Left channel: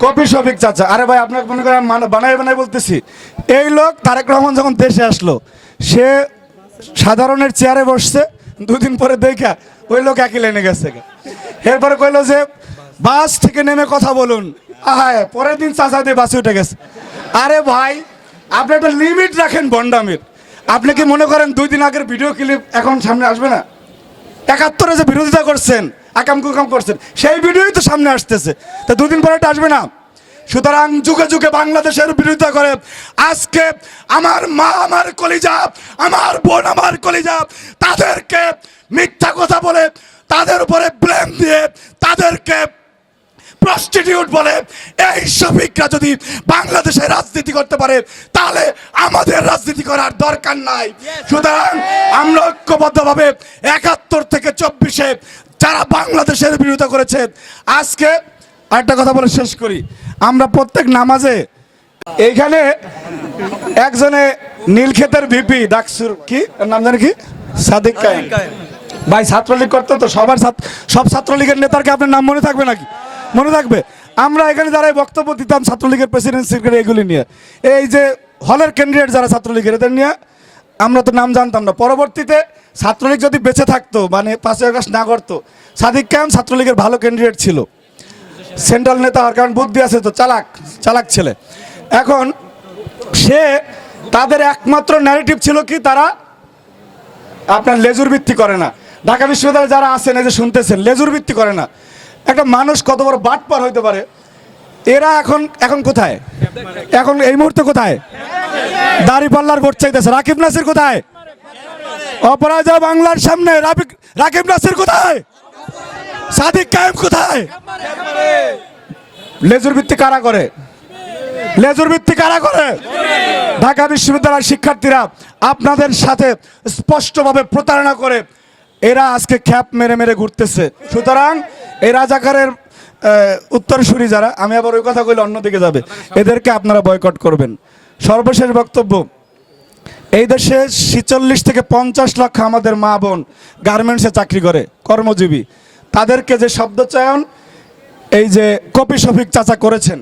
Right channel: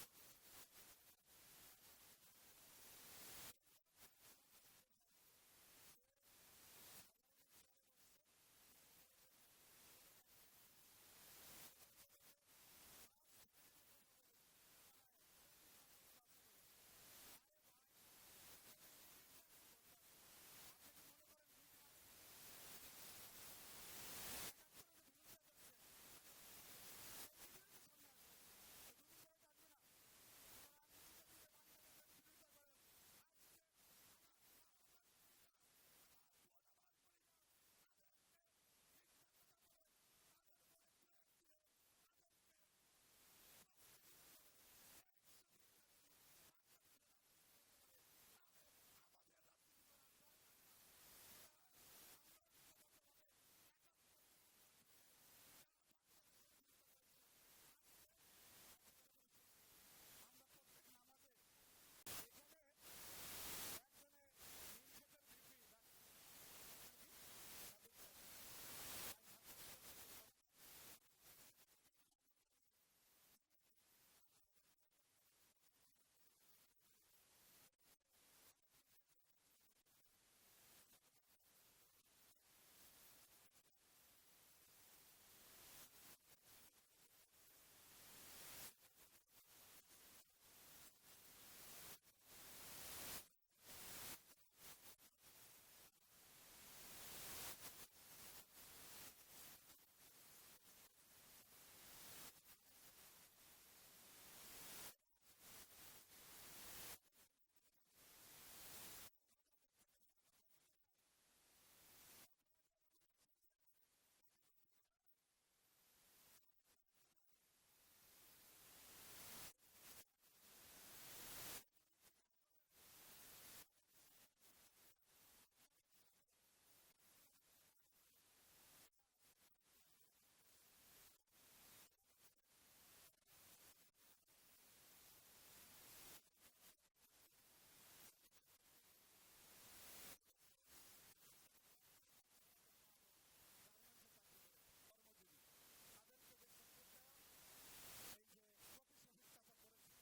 Copy Shafiq চাচা। আরে ভাই, আপনাকে মনে করেন মান- বানাই বলতেছি। এই লোক তারেক রহমান যখন দেশে আসলো, সে সাধারণের চেয়ারে বসছে, দুদিন পরে দেখা, ওই লোক একই লেনে গেছে এরপরে কইলো যে, বাস থেকে নেমে কথা বলুন। আহায় পরের দিন চাচা দিয়ে বাসে উঠে গেছে। আরে ভাই, আপনি একটা লিমিট রাখেন বন্ডামির। আপনি কি মনে করেন দুই দিন আগের ভিডিও ক্লিপ এখন সামনে আসবে না? একাত্তরে যে বিরোধিতা করছেন আকাম কুকাম করছেন। সেই ভিডিওই তো সামনে আসতেছে। তো দুদিন পরে এটা আসবে না। সুতরাং যুগে যুগে বাংলাদেশের বিরোধিতা করে আজকে আমার মা আমার কলিজা, আমার বোন আমার কলিজা, তাদেরকে মিথ্যা কথা বলে, তাদের উপরে ব্লেম দিয়ে, তাদেরকে প্রস্টিটিউট বলে, এই শফিকরা যদি বাংলাদেশে রাজনীতি করতে পারে, তাহলে আমাদের রাজনীতি করার দরকার নাই। সুতরাং আমরা ঐক্যবদ্ধভাবে একাত্তর থেকে চব্বিশে যারা বাংলাদেশের বিরোধিতা করেছে আজকে আরেকটা কথা বলে শেষ করি। আমরা প্রত্যেক নামাজে এইখানে একজনে নীলক্ষেতের ভিপি ডাকসুর কি? নাম জানে কি? সাদিক কায়েম। ভাই ছাত্রলীগ করতো তো সবার সব ছাত্রলীগের নেতার কি আপনার নাম মনে থাকবে নাকি? মনে থাকবে। আমরা এখানে যারা বক্তব্য দিতাম ছাত্রলীগের প্রেসিডেন্ট সেক্রেটারি এগুলি নিয়ে। এই যে হলের ক্যান্ডিডেট যারা ছাত্রলীগের এদের নিয়ে আমরা তো নাম জানতাম না। পরবর্তীতে ছাত্রলীগ যদি বেঁচে থাকতো মানে পাঁচই আগস্ট না করতো সাদিক কায়েম ছাত্রলীগের ভালো ক্যান্ডিডেট ছিল। সেন্ট্রাল নেতা হওয়ার কারণ বুদ্ধি আছে তো, চালাক চালাক ছেলে। এখন সে তাদের একমাত্র ন্যারেটিভ ছিল কি, তারা আপনার লেজুর ভিত্তি করে না। ঢাকা বিশ্ববিদ্যালয়ে যারা আছেন, এই যে শুনতেছেন, লেজুর ভিত্তি করে না। একটা মানুষ কত বড় বাটপার হইতে পারে? এরা এখন এখন কোথায়? এখন এই মুহূর্তে কোথায়? দাড়ি পাল্লার ভোট চাইতেছে। রাকিব নাসির কোথায়? অপরাজয় বাংলার সামনে। রাকিব নাসির কোথায়? সাদিক কায়েম কোথায়? লেজুর ভিত্তি কারা করে? লেজুর ভিত্তি কারা করে? ঢাকা বিশ্ববিদ্যালয়ের শিক্ষার্থীরা আপনাদের সাথে স্পষ্টভাবে প্রতারণা করে এরা আজকে খ্যাপ মেরে মেরে ঘুরতেছে। সুতরাং এই রাজাকারের উত্তরসূরি যারা, আমি আবার ওই কথা কইলে অন্যদিকে যাবে। এদেরকে আপনারা বয়কট করবেন। সর্বশেষ বক্তব্য। এই দেশে ছিচল্লিশ থেকে পঞ্চাশ লক্ষ আমাদের মা বোন গার্মেন্টসে চাকরি করে, কর্মজীবী। তাদেরকে যে শব্দ চয়ন এই যে কপি শফিক চাচা করেছেন।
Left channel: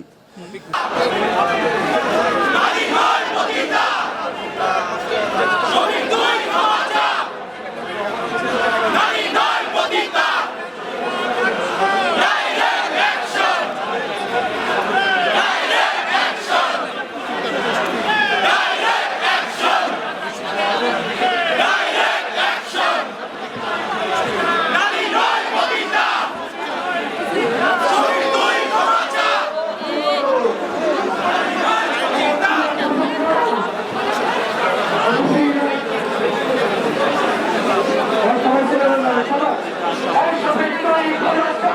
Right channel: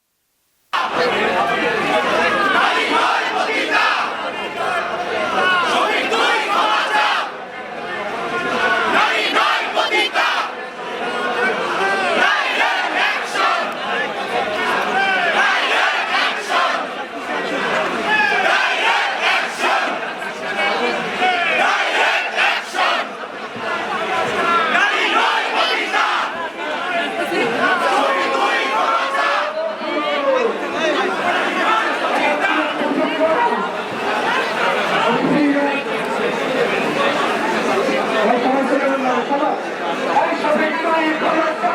সমাজ এই সবিনয়